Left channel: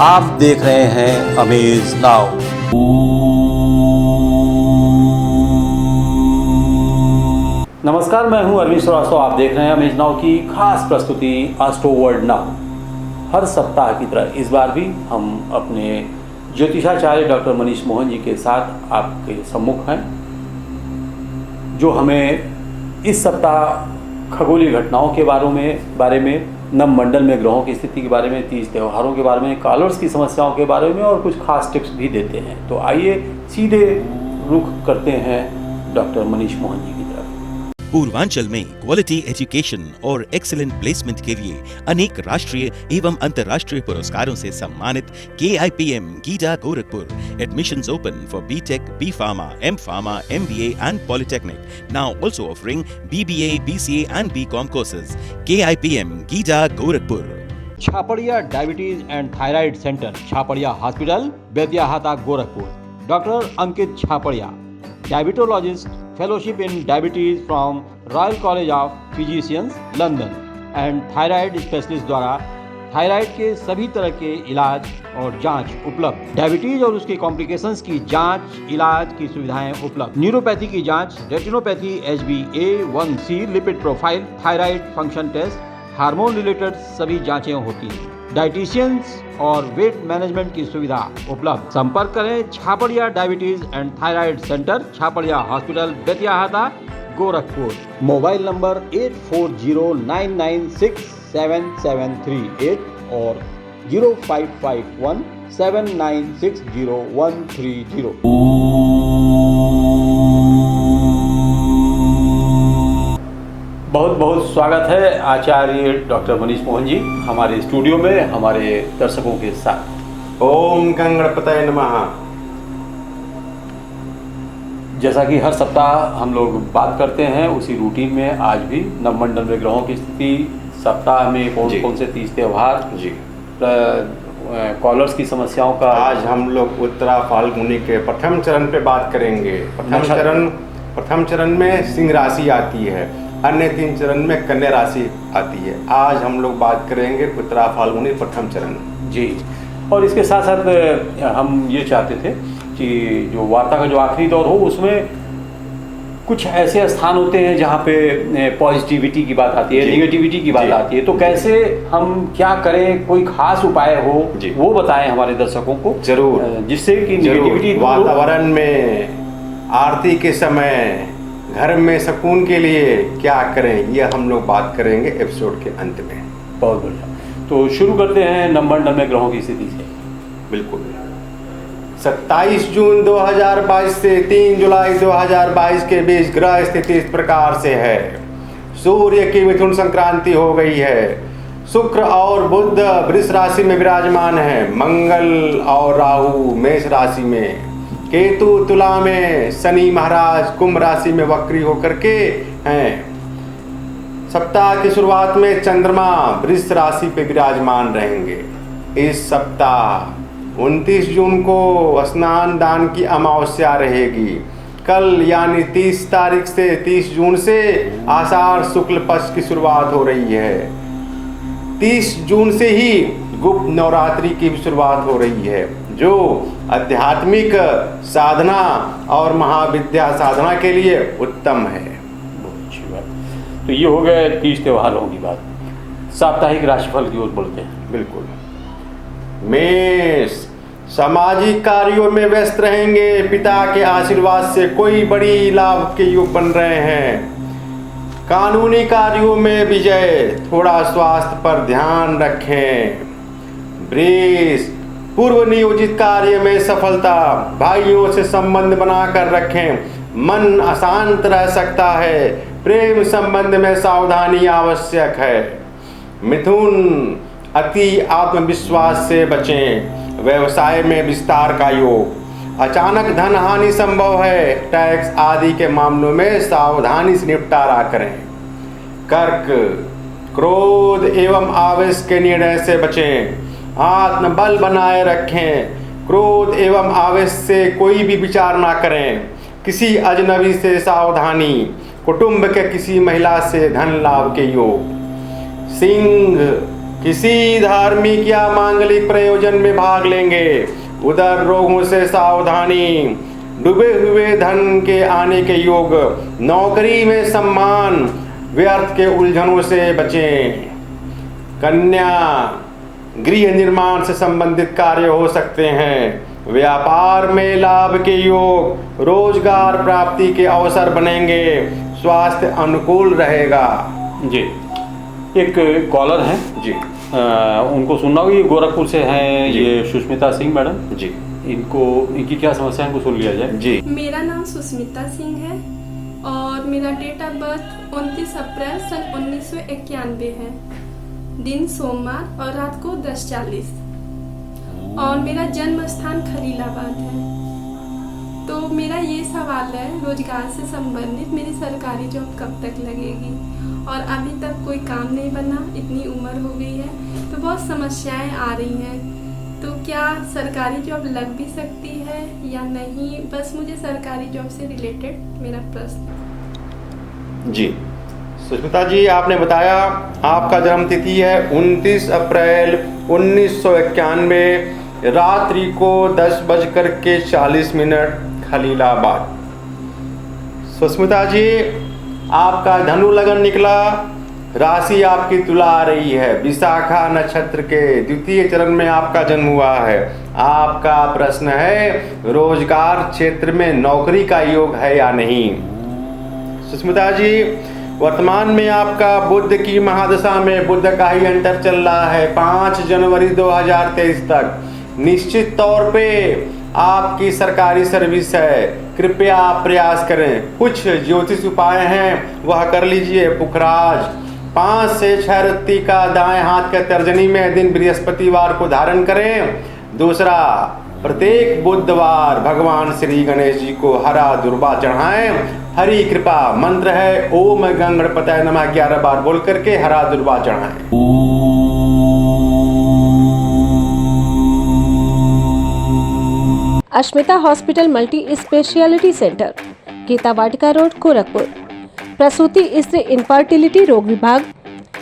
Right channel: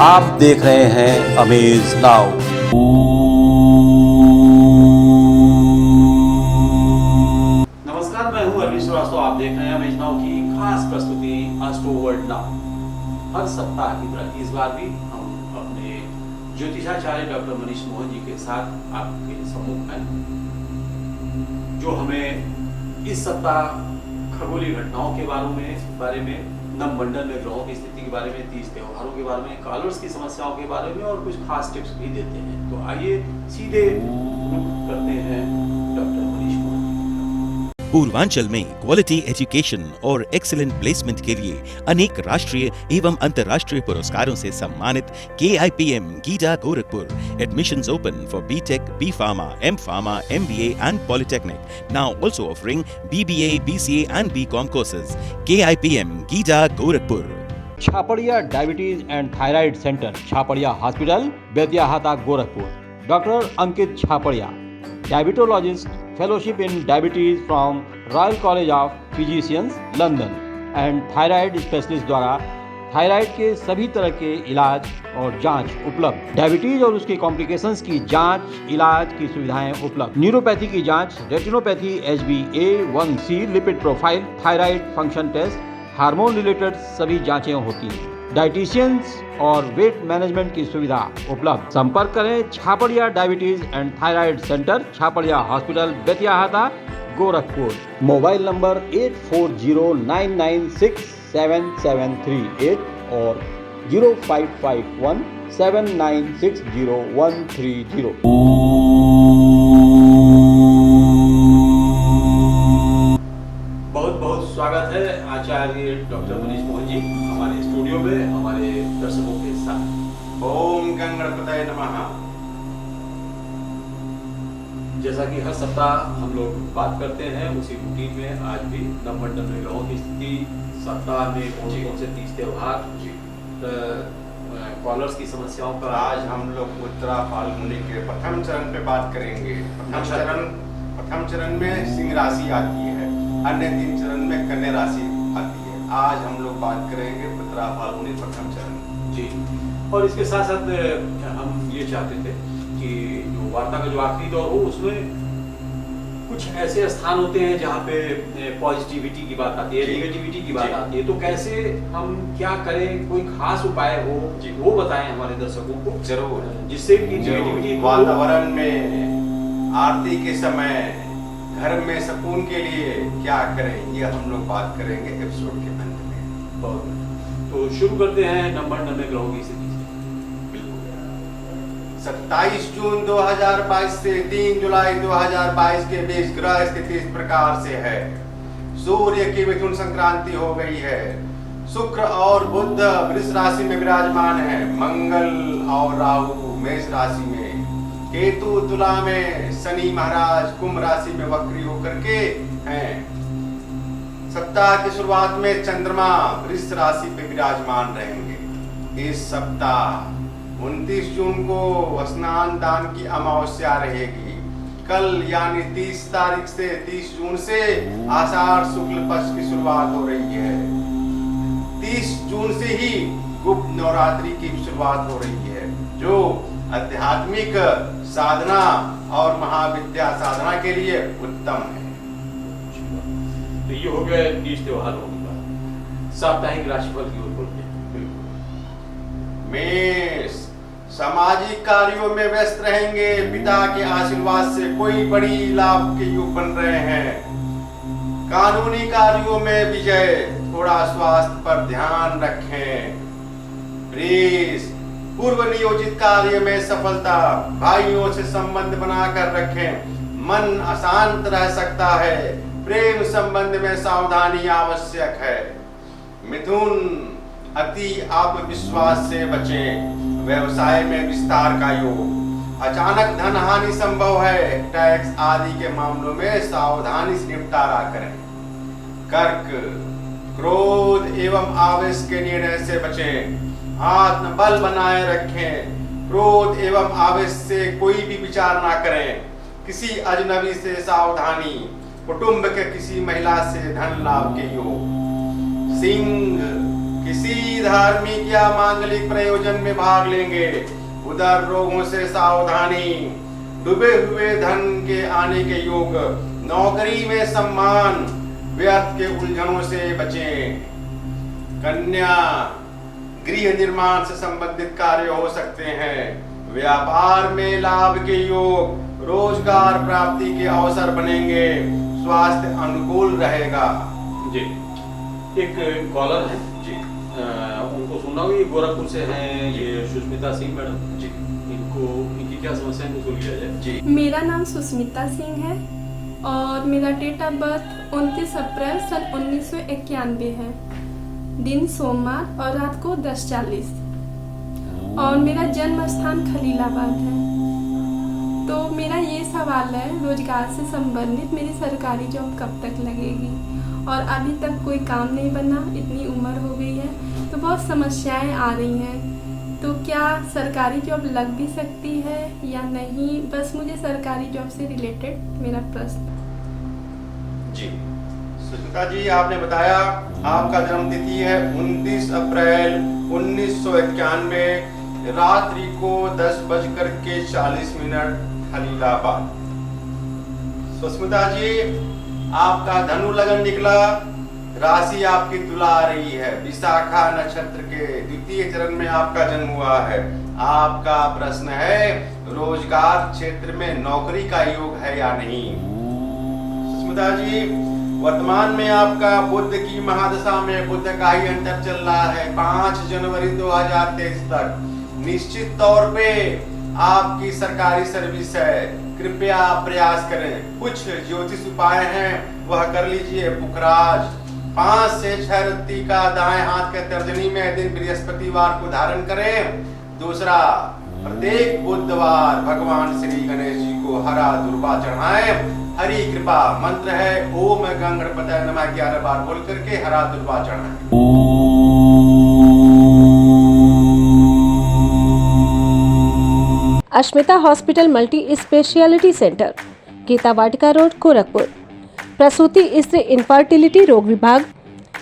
आप देख रहे हैं अमेज नाउ। नमस्कार, मैं हूं अरविंद श्रीवास्तव। आप देख रहे हैं अमेज नाउ की खास प्रस्तुति एस्ट्रो वर्ल्ड नाउ। हर सप्ताह की तरह इस बार भी हम अपने ज्योतिषाचार्य डॉक्टर मनीष मोहन जी के साथ आपके सम्मुख हैं, जो हमें इस सप्ताह खगोलीय घटनाओं के बारे में नवमंडल में ग्रहों की स्थिति के बारे में, 30 त्योहारों के बारे में, कॉलर्स की समस्याओं के बारे में और कुछ खास टिप्स भी देते हैं। तो आइए सीधे रुख करते हैं डॉक्टर मनीष मोहन जी की तरफ। पूर्वांचल में क्वालिटी एजुकेशन और एक्सीलेंट प्लेसमेंट के लिए अनेक राष्ट्रीय एवं अंतर्राष्ट्रीय पुरस्कारों से सम्मानित KIPM Gita Gorakhpur. Admissions open for BTech, B.Pharma, M.Pharma, MBA and Polytechnic. Now also offering BBA, BCA and BCom courses. KIPM Gita Gorakhpur. Chhapariya diabetes and thyroid centre, Chhapariya hospital, Betiahata, Gorakhpur. Doctor Ankit Chhapariya, diabetologist, fellowship in diabetes from royal college of physicians, London and thyroid specialist द्वारा thyroid के सभी तरह के इलाज और जांच उपलब्ध। Diabetes और उसके कॉम्प्लिकेशंस की जांच, इलाज की सुविधाएं उपलब्ध। न्यूरोपैथी की जांच, retinopathy, HbA1c, lipid profile, thyroid function test, hormone related सभी जांचें होती हैं। डाइटिशियंस और वेट मैनेजमेंट की सुविधा उपलब्ध। संपर्क करें Chhaparia diabetes and thyroid centre, Chhapariya hospital, Betiahata, Gorakhpur. Mobile number 8409967738 और 055179601330। बहुत बहुत स्वागत है आचार्य डॉक्टर मनीष मोहन जी हमारे स्टूडियो में हमारे दर्शकों के साथ। ओम गणपतये नमः। जैसा कि हर सप्ताह हम लोग बात करते हैं, उसी रूटीन में आज भी नवमंडल में ग्रहों की स्थिति, सप्ताह में कौन कौन से 30 त्योहार, कॉलर्स की समस्याओं का। आज हम लोग उत्तरा फाल्गुनी के प्रथम चरण पे बात करेंगे। प्रथम चरण में सिंह राशि आती है, अन्य 3 चरण में कन्या राशि आती है। आज हम लोग बात करेंगे उत्तरा फाल्गुनी प्रथम चरण जी। और इसके साथ साथ हम ये चाहते थे कि जो वार्ता का जो आखिरी दौर हो, उसमें कुछ ऐसे स्थान होते हैं जहाँ पे पॉजिटिविटी की बात आती है, निगेटिविटी की बात आती है, तो कैसे हम क्या करें, कोई खास उपाय हो वो बताएं हमारे दर्शकों को जरूर, जिससे कि निगेटिविटी वातावरण में आरती के समय घर में सुकून के लिए क्या करें, ये हम लोग बात करेंगे एपिसोड के अंत में। बहुत बढ़िया। तो शुरू करते हैं नवमंडल में ग्रहों की स्थिति से। बिल्कुल। 27 जून 2022 से 3 जुलाई 2022 के बीच ग्रह स्थिति इस प्रकार से है। सूर्य की मिथुन संक्रांति हो गई है। शुक्र और बुध वृष राशि में विराजमान है। मंगल और राहु मेष राशि में, केतु तुला में, शनि महाराज कुंभ राशि में वक्री होकर के हैं। सप्ताह की शुरुआत में चंद्रमा वृष राशि पे विराजमान रहेंगे। इस सप्ताह 29 जून को स्नान दान की अमावस्या रहेगी। कल यानी 30 तारीख से 30 जून से आषाढ़ शुक्ल पक्ष की शुरुआत हो रही है। 30 जून से ही गुप्त नवरात्रि की भी शुरुआत हो रही है, जो आध्यात्मिक साधना और महाविद्या साधना के लिए उत्तम है। तो ये हो गए 30 त्योहारों की बात। साप्ताहिक राशिफल की ओर बढ़ते हैं। बिल्कुल। मेष, सामाजिक कार्यों में व्यस्त रहेंगे। पिता के आशीर्वाद से कोई बड़ी लाभ के योग बन रहे हैं। कानूनी कार्यों में विजय। थोड़ा स्वास्थ्य पर ध्यान रखें। वृष, पूर्व नियोजित कार्य में सफलता। भाइयों से संबंध बनाकर रखें। मन अशांत रह सकता है। प्रेम संबंध में सावधानी आवश्यक है। मिथुन, अति आत्मविश्वास से बचें। व्यवसाय में विस्तार का योग। अचानक धन हानि संभव है। टैक्स आदि के मामलों में सावधानी से निपटारा करें। कर्क, क्रोध एवं आवेश के निर्णय से बचें। आत्मबल बनाए रखें। क्रोध एवं आवेश से कोई भी विचार ना करें। किसी अजनबी से सावधानी। कुटुंब के किसी महिला से धन लाभ के योग। सिंह, किसी धार्मिक या मांगलिक प्रयोजन में भाग लेंगे। उधर रोगों से सावधानी, डूबे हुए धन के आने के योग, नौकरी में सम्मान, व्यर्थ के उलझनों से बचें। कन्या, गृह निर्माण से संबंधित कार्य हो सकते हैं। व्यापार में लाभ के योग, रोजगार प्राप्ति के अवसर बनेंगे। स्वास्थ्य अनुकूल रहेगा। जी, एक कॉलर हैं जी, उनको सुनना होगी। गोरखपुर से हैं ये सुष्मिता सिंह मैडम जी, इनकी क्या समस्या है, इनको सुन लिया जाए। जी। मेरा नाम सुष्मिता सिंह है और मेरा डेट ऑफ बर्थ 29 अप्रैल सन 1991 है। दिन सोमवार और रात को 10:40 और मेरा जन्म स्थान खलीलाबाद है। तो मेरा ये सवाल है, रोजगार से संबंधित मेरी सरकारी जॉब कब तक लगेगी और अभी तक कोई काम नहीं बना, इतनी उम्र हो गई है तो बहुत समस्याएं आ रही हैं। तो क्या सरकारी जॉब लग भी सकती है या नहीं, बस मुझे सरकारी जॉब से रिलेटेड मेरा प्रश्न। जी, सुष्मिता जी, आपने बताया आपका जन्म तिथि है 29 अप्रैल 1991, रात्रि को 10:40 खलीलाबाद। सुष्मिता जी, आपका धनु लगन निकला, राशि आपकी तुला आ रही है। विशाखा नक्षत्र के द्वितीय चरण में आपका जन्म हुआ है। आपका प्रश्न है रोजगार क्षेत्र में नौकरी का योग है या नहीं। सुष्मिता जी, वर्तमान में आपका बुध की महादशा में बुध का ही अंतर चल रहा है 5 जनवरी 2023 तक। निश्चित तौर पे आपकी सरकारी सर्विस है, कृपया प्रयास करें। कुछ ज्योतिष उपाय हैं वह कर लीजिए। पुखराज 5 से 6 रत्ती का दाएं हाथ के तर्जनी में दिन बृहस्पतिवार को धारण करें। दूसरा, प्रत्येक बुधवार भगवान श्री गणेश जी को हरा दुर्वा चढ़ाएं। हरि कृपा मंत्र है ओम गणपतये नमः 11 बार बोल करके हरा दुर्वा चढ़ाएं। Ashmita hospital multi speciality centre, Gita Vatika road, Gorakhpur. प्रसूति स्त्री इनफर्टिलिटी रोग विभाग,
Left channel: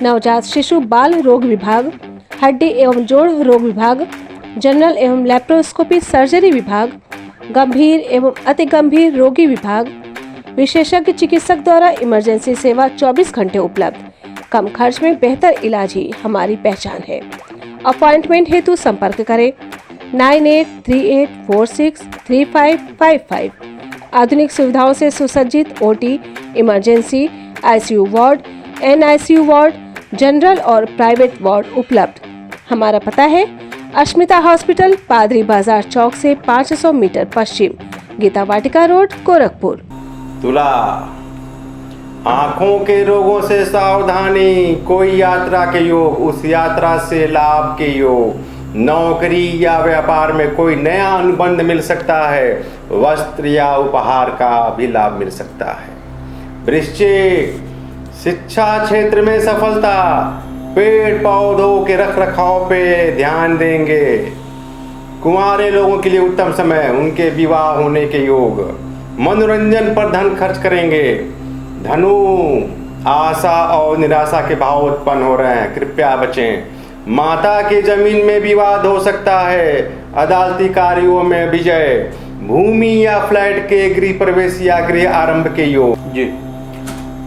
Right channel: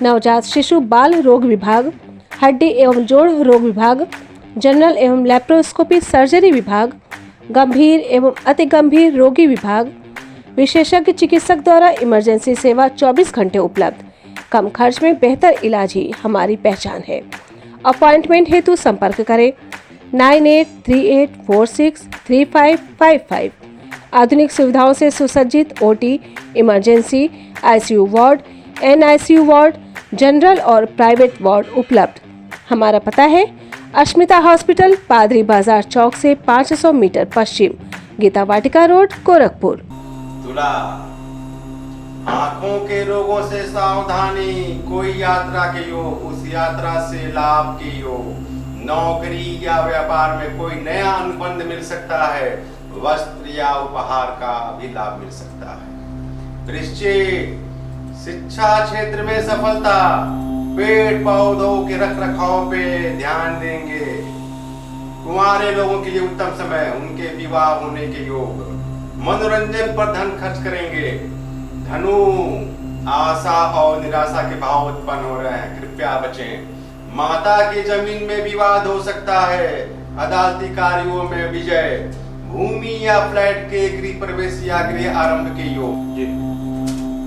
नवजात शिशु बाल रोग विभाग, हड्डी एवं जोड़ रोग विभाग, जनरल एवं लैप्रोस्कोपी सर्जरी विभाग, गंभीर एवं अति गंभीर रोगी विभाग, विशेषज्ञ चिकित्सक द्वारा इमरजेंसी सेवा 24 घंटे उपलब्ध। कम खर्च में बेहतर इलाज ही हमारी पहचान है। अपॉइंटमेंट हेतु संपर्क करें 9838463555। आधुनिक सुविधाओं से सुसज्जित OT, emergency, ICU ward, NICU ward, general और प्राइवेट वार्ड उपलब्ध। हमारा पता है अश्मिता हॉस्पिटल, पादरी बाजार चौक से 500 मीटर पश्चिम, गीता वाटिका रोड, गोरखपुर। तुला, आंखों के रोगों से सावधानी। कोई यात्रा के योग, उस यात्रा से लाभ के योग। नौकरी या व्यापार में कोई नया अनुबंध मिल सकता है। वस्त्र या उपहार का भी लाभ मिल सकता है। वृश्चिक, शिक्षा क्षेत्र में सफलता। पेड़ पौधों के रख रखाव पे ध्यान देंगे। कुंवारे लोगों के लिए उत्तम समय, उनके विवाह होने के योग। मनोरंजन पर धन खर्च करेंगे। धनु, आशा और निराशा के भाव उत्पन्न हो रहे हैं, कृपया बचें। माता की जमीन में विवाद हो सकता है। अदालती कार्यों में विजय। भूमि या फ्लैट के गृह प्रवेश या गृह आरंभ के योग। जी,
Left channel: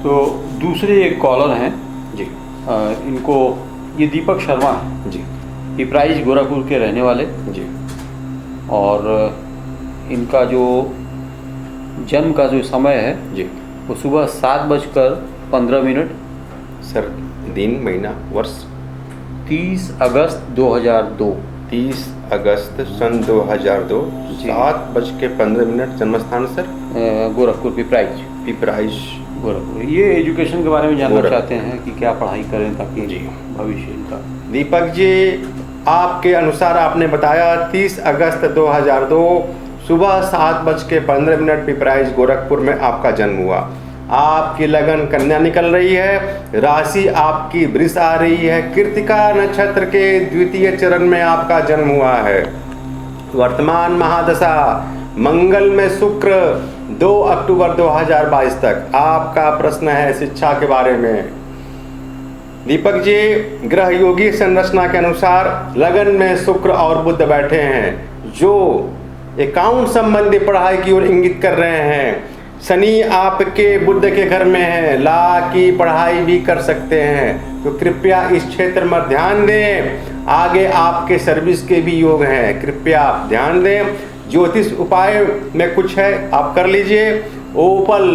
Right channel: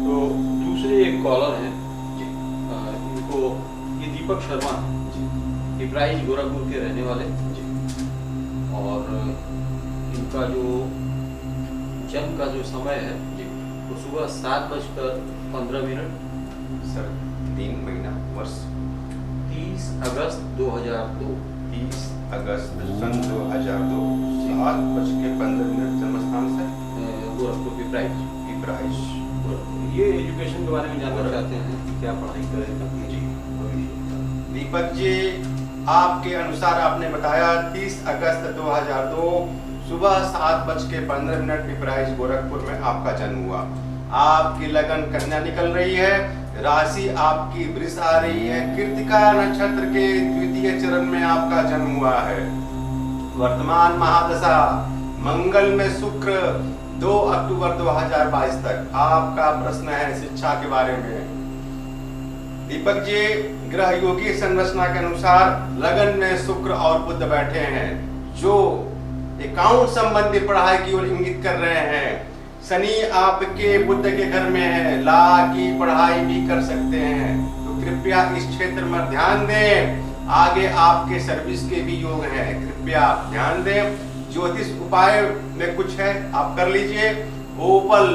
तो दूसरे एक कॉलर हैं जी, इनको, ये दीपक शर्मा जी, पिपराइज गोरखपुर के रहने वाले जी, और इनका जो जन्म का जो समय है जी, वो सुबह 7:15। सर, दिन, महीना, वर्ष। 30 अगस्त 2002। 30 अगस्त सन 2002, 7:15 जन्म स्थान सर गोरखपुर पिपराइज पिपराइश गोरखपुर। ये एजुकेशन के बारे में जानना गोरखपुर। चाहते हैं कि क्या पढ़ाई करें ताकि जी। भविष्य इनका। दीपक जी, आपके अनुसार आपने बताया 30 अगस्त 2002 सुबह 7:15 पिपराइज गोरखपुर में आपका जन्म हुआ। आपकी लगन कन्या निकल रही है। राशि आपकी वृष आ रही है। कृतिका नक्षत्र के द्वितीय चरण में आपका जन्म हुआ है। वर्तमान महादशा मंगल में शुक्र 2 अक्टूबर 2022 तक। आपका प्रश्न है शिक्षा के बारे में। दीपक जी, ग्रह योगी संरचना के अनुसार लगन में शुक्र और बुध बैठे हैं, जो अकाउंट संबंधी पढ़ाई की ओर इंगित कर रहे हैं। शनि आपके बुध के घर में है, ला की पढ़ाई भी कर सकते हैं, तो कृपया इस क्षेत्र में ध्यान दें। आगे आपके सर्विस के भी योग हैं, कृपया ध्यान दें। ज्योतिष उपाय में कुछ है, आप कर लीजिए। ओपल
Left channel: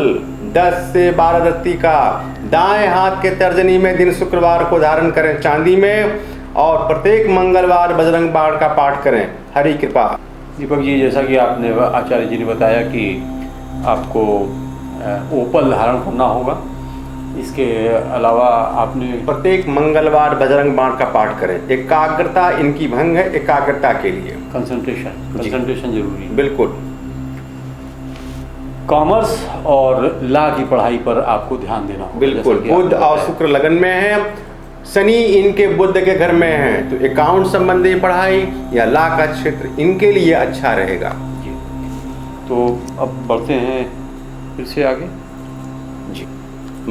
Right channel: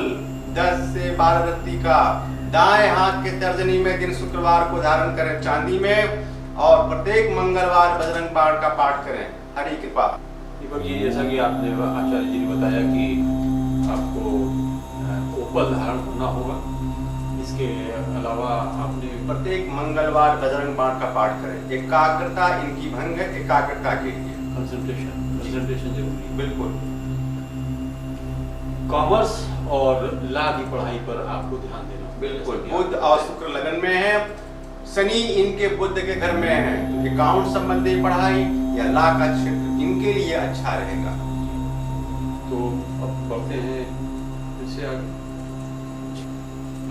10 से 12 रत्ती का दाएं हाथ के तर्जनी में दिन शुक्रवार को धारण करें चांदी में, और प्रत्येक मंगलवार बजरंग बाण का पाठ करें। हरि कृपा। दीपक जी, जैसा कि आपने आचार्य जी ने बताया कि आपको ओपल धारण करना होगा, इसके अलावा आपने प्रत्येक मंगलवार बजरंग बाण का पाठ करें। एकाग्रता इनकी भंग है, एकाग्रता के लिए कंसंट्रेशन जरूरी है। बिल्कुल। कॉमर्स और लॉ की पढ़ाई पर आपको ध्यान देना होगा। बिल्कुल। बुध और शुक्र लगन में है, शनि इनके बुध के घर में है, तो अकाउंट संबंधी पढ़ाई या लॉ का क्षेत्र इनके लिए अच्छा रहेगा। तो अब बढ़ते हैं फिर से आगे। जी।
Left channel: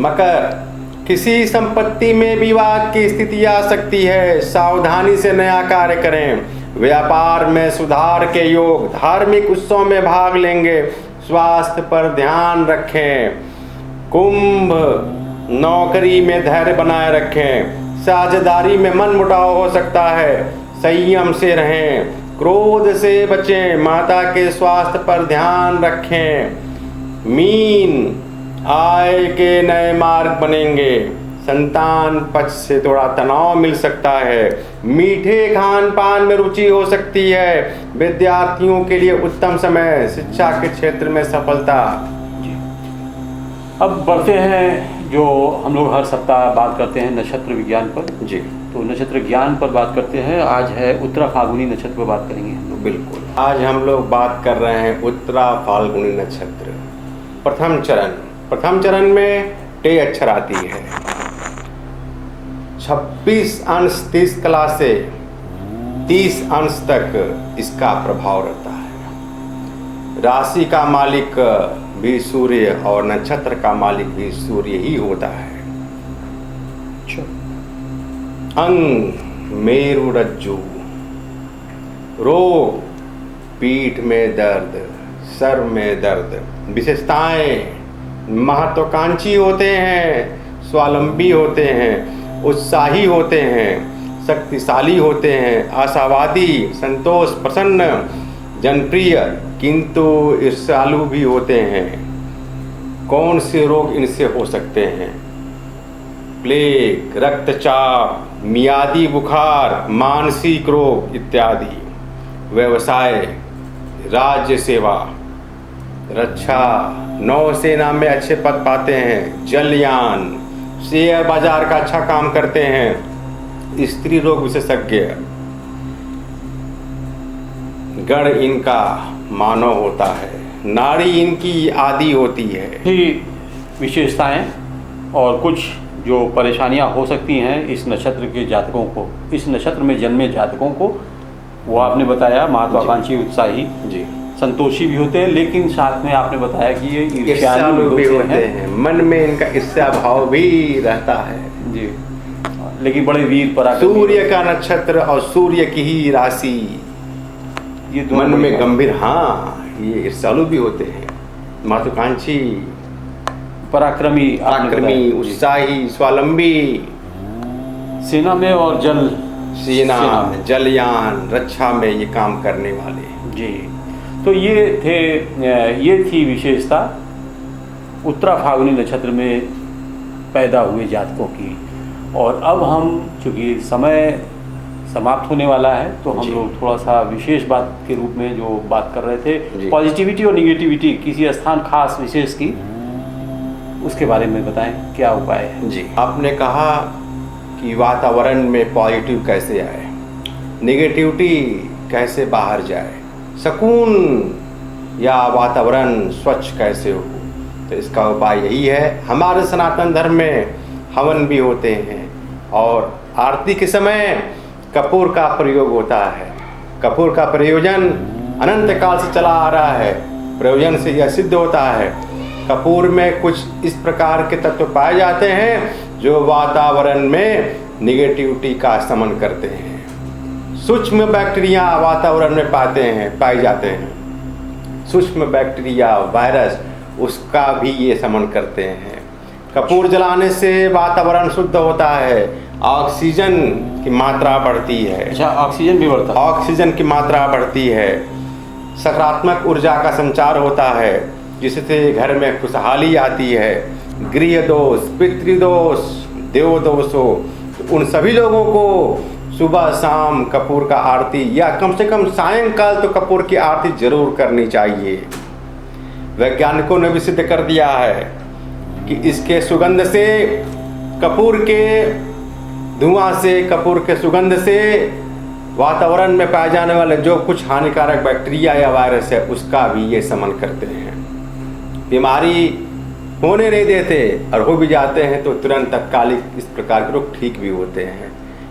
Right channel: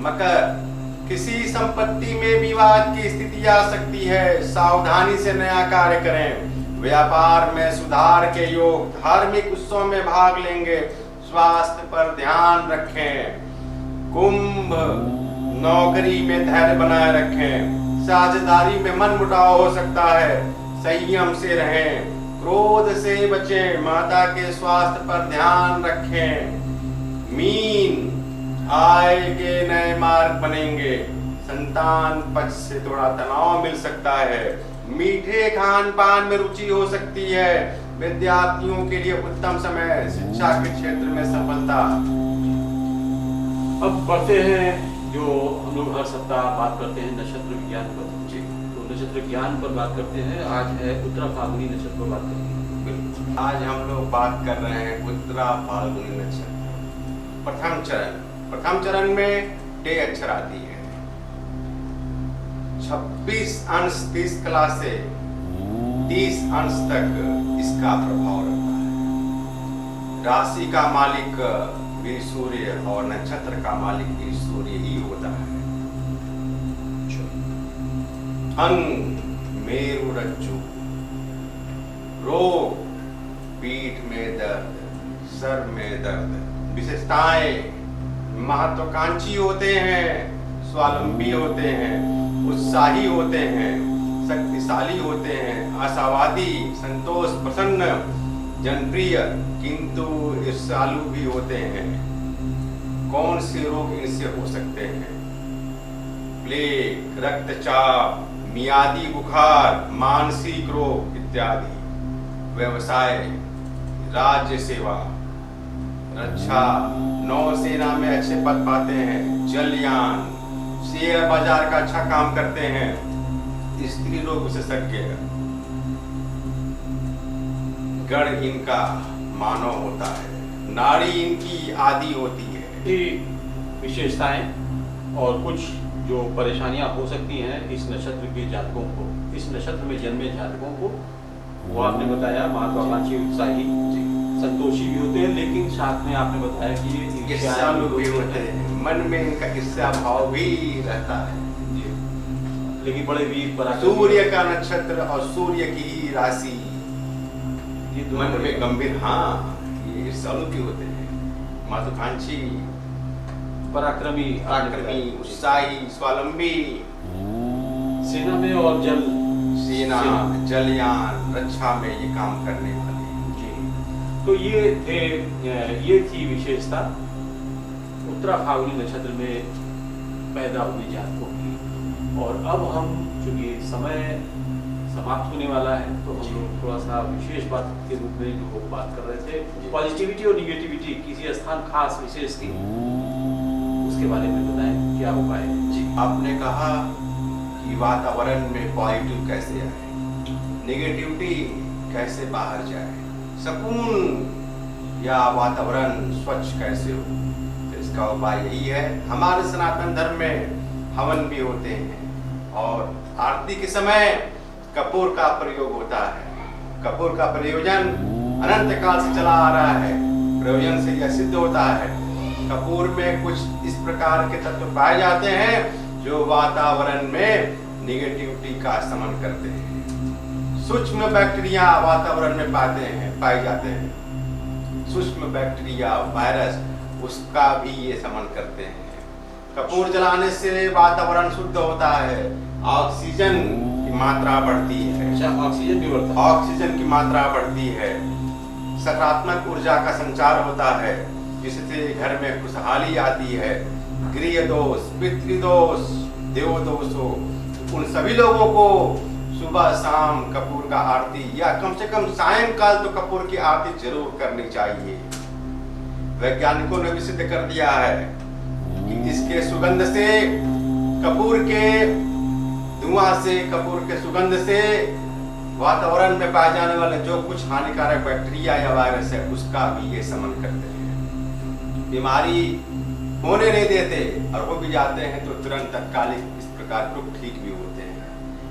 मकर, किसी संपत्ति में विवाद की स्थिति आ सकती है, सावधानी से नया कार्य करें। व्यापार में सुधार के योग, धार्मिक उत्सव में भाग लेंगे, स्वास्थ्य पर ध्यान रखें। कुंभ, नौकरी में धैर्य बनाए रखें, साझेदारी में मन मुटाव हो सकता है, संयम से रहें, क्रोध से बचें, माता के स्वास्थ्य पर ध्यान रखें। मीन, आय के नए मार्ग बनेंगे, संतान पक्ष से थोड़ा तनाव मिल सकता है, मीठे खान पान में रुचि हो सकती है। विद्यार्थियों के लिए उत्तम समय, शिक्षा के क्षेत्र में सफलता। अब बढ़ते हैं, जो हम लोग हर सप्ताह बात करते हैं नक्षत्र विज्ञान पर। जी। तो नक्षत्र ज्ञान पर बात करते हैं। आज है उत्तरा फाल्गुनी नक्षत्र पर बात करेंगे हम लोग। बिल्कुल। आज हम लोग बात कर रहे हैं उत्तरा फाल्गुनी नक्षत्र। प्रथम चरण में टे अक्षर आती है। 26 अंश 30 कला से 30 अंश तक इसका प्रभाव रहता है। राशि का मालिक भी सूर्य और नक्षत्र का मालिक भी सूर्य ही होता है। अंग, मेरु रज्जु। रोग, पीठ में दर्द, सर में दर्द। विशेषताएं, महत्वाकांक्षी होते हैं, स्वावलंबी होते हैं, उत्साही होते हैं, शक्तिशाली होते हैं, आशावादी, संतोष प्रसन्न, जनप्रिय, किंतु ईर्ष्यालु भी होते हैं। कौन से रोग इनसे हो सकते हैं? प्लेग, रक्तचाप, मियादी बुखार, मानसिक रोग इत्यादि। व्यवसाय, राज्य सेवा, रक्षा, नौसेना में अच्छे पद पाते हैं, जलयान, शेयर बाजार का अच्छा काम करते हैं, स्त्री रोग विशेषज्ञ। गण इनका मानव होता है, नारी इनकी आदि होती है। ही विशेषताएं और कुछ जो परेशानियां हो सकती हैं इस नक्षत्र के जातकों को, इस नक्षत्र में जन्मे जातकों को, वो आपने बताया। महत्वाकांक्षी, उत्साही, जी, संतोषी भी होते हैं, लेकिन साथ में आपने बताया कि ये ईर्ष्यालु भी होते हैं। मन में इनका ईर्ष्या भाव भी रहता है। जी, लेकिन बड़े वीर पराक्रमी। सूर्य का नक्षत्र और सूर्य की ही राशि, ये मन में गंभीर, हाँ, ये ईर्ष्यालु भी होते हैं, महत्वाकांक्षी, पराक्रमी, पराक्रमी, उत्साही, स्वावलंबी। सेना में और सेना में, जलयान, रक्षा में ये काम करने वाले। जी, तो ये थी विशेषता उत्तरा फाल्गुनी नक्षत्र में पैदा हुए जातकों की। और अब हम, चूँकि समय समाप्त होने वाला है, तो हम लोग थोड़ा सा विशेष बात के रूप में जो बात कर रहे थे, पॉजिटिविटी और निगेटिविटी किसी स्थान खास विशेष की, उसके बारे में बताएं, क्या उपाय है? जी, आपने कहा कि वातावरण में पॉजिटिव कैसे आए, निगेटिविटी कैसे बाहर जाए, सुकून या वातावरण स्वच्छ कैसे हो। तो इसका उपाय यही है। हमारे सनातन धर्म में हवन भी होते हैं, और आरती के समय कपूर का प्रयोग होता है। कपूर का प्रयोजन अनंत काल से चला आ रहा है। प्रयोजन से यह सिद्ध होता है, कपूर में कुछ इस प्रकार के तत्व पाए जाते हैं जो वातावरण में निगेटिविटी का शमन करते हैं। सूक्ष्म बैक्टीरिया वातावरण में पाए जाते हैं। सूक्ष्म बैक्टीरिया, वायरस, उसका भी ये शमन करते हैं। कपूर जलाने से वातावरण शुद्ध होता है, ऑक्सीजन की मात्रा बढ़ती है। अच्छा, ऑक्सीजन भी बढ़ता है। ऑक्सीजन की मात्रा बढ़ती है, सकारात्मक ऊर्जा का संचार होता है, जिससे घर में खुशहाली आती है। गृह दोष, पितृदोष, देव दोष हो, उन सभी लोगों को सुबह शाम कपूर का आरती या कम से कम सायंकाल तो कपूर की आरती जरूर करनी चाहिए। वैज्ञानिकों ने भी सिद्ध कर दिया है कि इसके सुगंध से, कपूर के धुआं से, कपूर के सुगंध से वातावरण में पाए जाने वाले जो कुछ हानिकारक बैक्टीरिया या वायरस है उसका भी ये शमन करते हैं। बीमारी होने नहीं देते, और हो भी जाते हैं तो तुरंत तत्कालिक इस प्रकार के रोग ठीक भी होते हैं।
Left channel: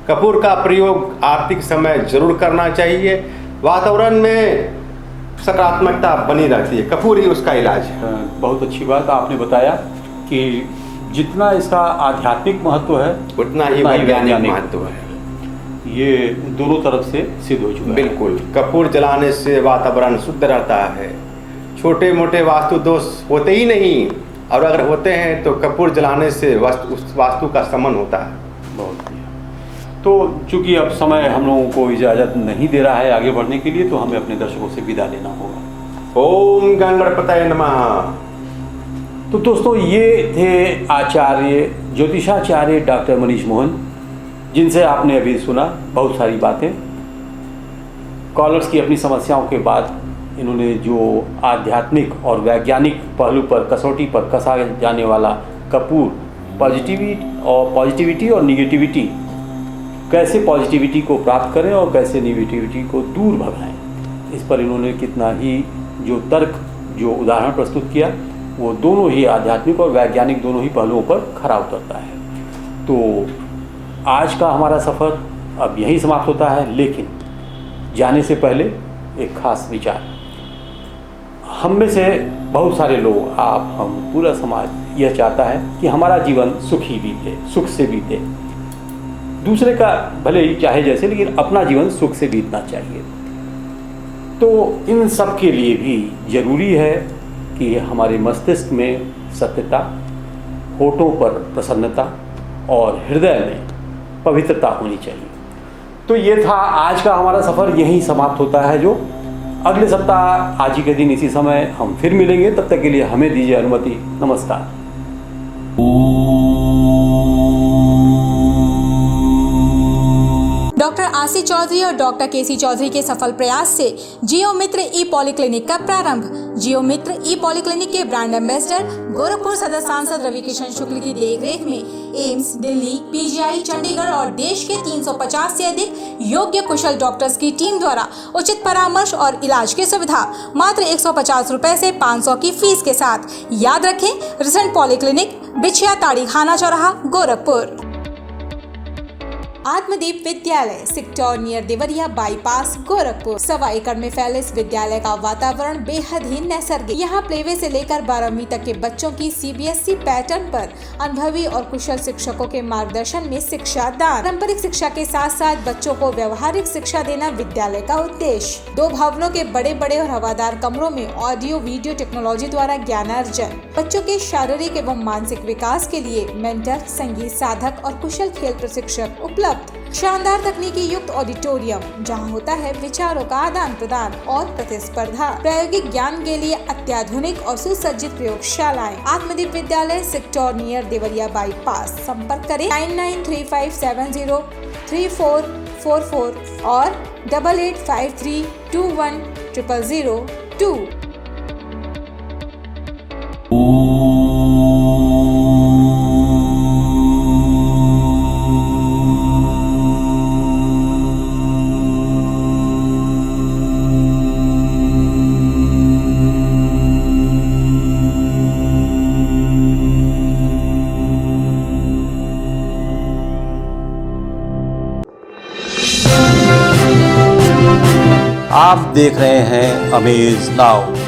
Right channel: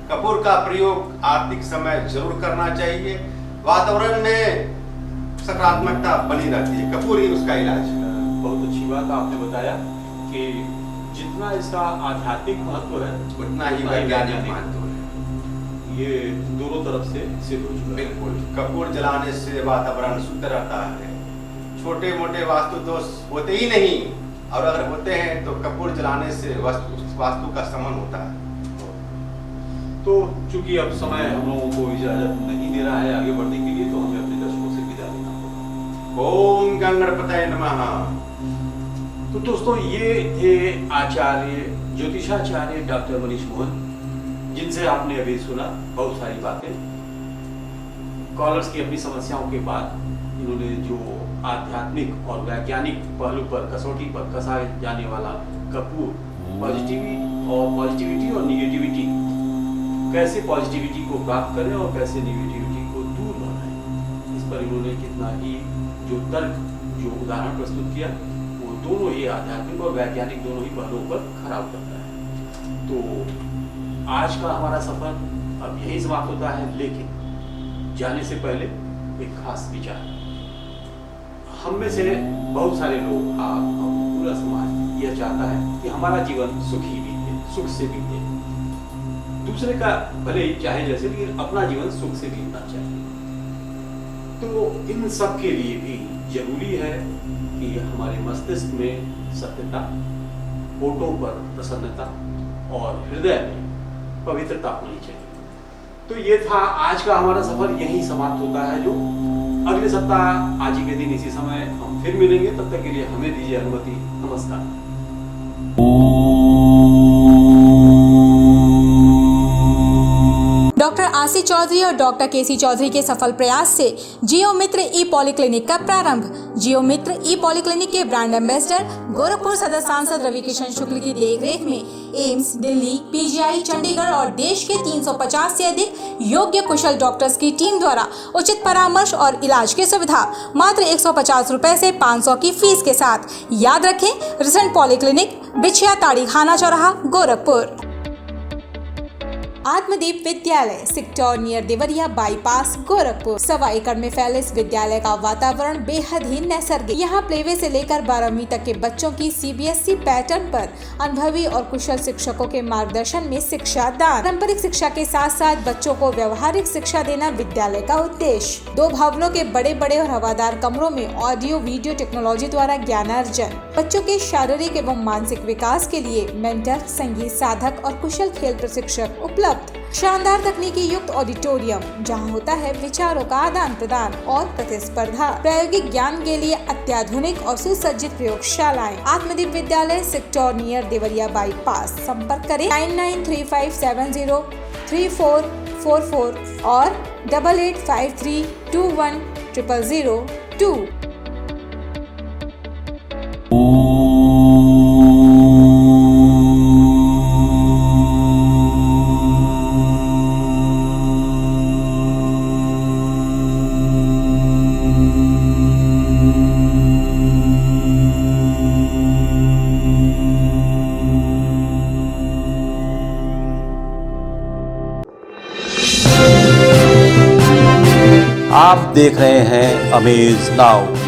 कपूर का प्रयोग आरती के समय जरूर करना चाहिए। वातावरण में सकारात्मकता बनी रहती है, कपूर ही उसका इलाज है। बहुत अच्छी बात आपने बताया कि जितना इसका आध्यात्मिक महत्व है उतना ही वैज्ञानिक महत्व है। ये दोनों तरफ से सिद्ध हो चुका है। बिल्कुल, कपूर जलाने से वातावरण शुद्ध रहता है, छोटे मोटे वास्तु दोष होते ही नहीं, और अगर होते हैं तो कपूर जलाने से वास्तु का शमन होता है। बहुत तो चूंकि अब समय हम लोगों को इजाज़त नहीं दे रहा है आगे बढ़ने के लिए, तो हमें अपने दर्शकों से विदा लेना होगा। ओम गणपतये नमः। तो दोस्तों, ये थे आचार्य, ज्योतिषाचार्य डॉक्टर मनीष मोहन, जिनसे आपने अभी सुना बहुत सारी बातें। कॉलर्स की अपनी समस्याओं के बाद इन्होंने जो आध्यात्मिक और वैज्ञानिक पहलू पर, कसौटी पर कसा जाने वाला कपूर, पॉजिटिविटी और निगेटिविटी, कैसे पॉजिटिविटी को प्राप्त करें और कैसे निगेटिविटी को दूर भगाएं, इस पर इन्होंने कितना ही जो तर्क, जो उदाहरण प्रस्तुत किया, वो दोनों ही आध्यात्मिक और वैज्ञानिक दोनों ही पहलुओं पर खरा उतरता है। तो आज का हमारा सफ़र अब यहीं समाप्त होता है, लेकिन जाने से पहले एक खास विचार। हम में से बहुत सारे लोग, आप, हम, पूरा समाज यह चाहता है कि हमारा जीवन सुखी बीते, सुख से बीते। दूसरे का भले ही चाहे जैसे, लेकिन अपना जीवन सुख से बीतना चाहिए। तो इन सब के लिए भी जरूरी है कि हमारे मस्तिष्क में सत्यता, होठों पर प्रसन्नता और हृदय में पवित्रता होनी चाहिए। तो ये था आज का हमारा सफ़र, यहीं समाप्त होता है। जो अगले सप्ताह आज ही के दिन इसी समय हम फिर मिलेंगे। तब तक के लिए हमें दीजिए अनुमति। नमस्कार। डॉक्टर आशी चौधरी और डॉक्टर केसी चौधरी के सफल प्रयास से जियो मित्र ई पॉलीक्लिनिक का प्रारंभ। जियो मित्र ई पॉलीक्लिनिक के ब्रांड एम्बेसडर गोरखपुर सदर सांसद रवि किशन शुक्ल की देखरेख में एम्स, दिल्ली, पीजीआई, चंडीगढ़ और देश के 350 से अधिक योग्य कुशल डॉक्टर्स की टीम द्वारा उचित परामर्श और इलाज की सुविधा मात्र 150 रुपए से 500 की फीस के साथ। याद रखें, रिसेंट पॉलीक्लिनिक, बिछिया ताड़ी खाना चौराहा, गोरखपुर। आत्मदीप विद्यालय, sector near Deoria bypass, Gorakhpur. 1.25 एकड़ में फैले इस विद्यालय का वातावरण बेहद ही नैसर्गिक। यहाँ प्लेवे से लेकर 12वीं तक के बच्चों की CBSE पैटर्न पर अनुभवी और कुशल शिक्षकों के मार्गदर्शन में शिक्षा दान। पारंपरिक शिक्षा के साथ साथ बच्चों को व्यवहारिक शिक्षा देना विद्यालय का उद्देश्य। 2 भवनों के बड़े बड़े और हवादार कमरों में ऑडियो वीडियो टेक्नोलॉजी द्वारा ज्ञानार्जन। बच्चों के शारीरिक एवं मानसिक विकास के लिए मेंटर, संगीत साधक और कुशल खेल प्रशिक्षक उपलब्ध। शानदार तकनीकी युक्त ऑडिटोरियम, जहां होता है विचारों का आदान प्रदान और प्रतिस्पर्धा। प्रायोगिक ज्ञान के लिए अत्याधुनिक और सुसज्जित प्रयोगशालाएं। आत्मदीप विद्यालय, सेक्टर नियर देवरिया बाईपास। संपर्क करें 9935703444 और 8853210002। आप देख रहे हैं अमेज नाउ।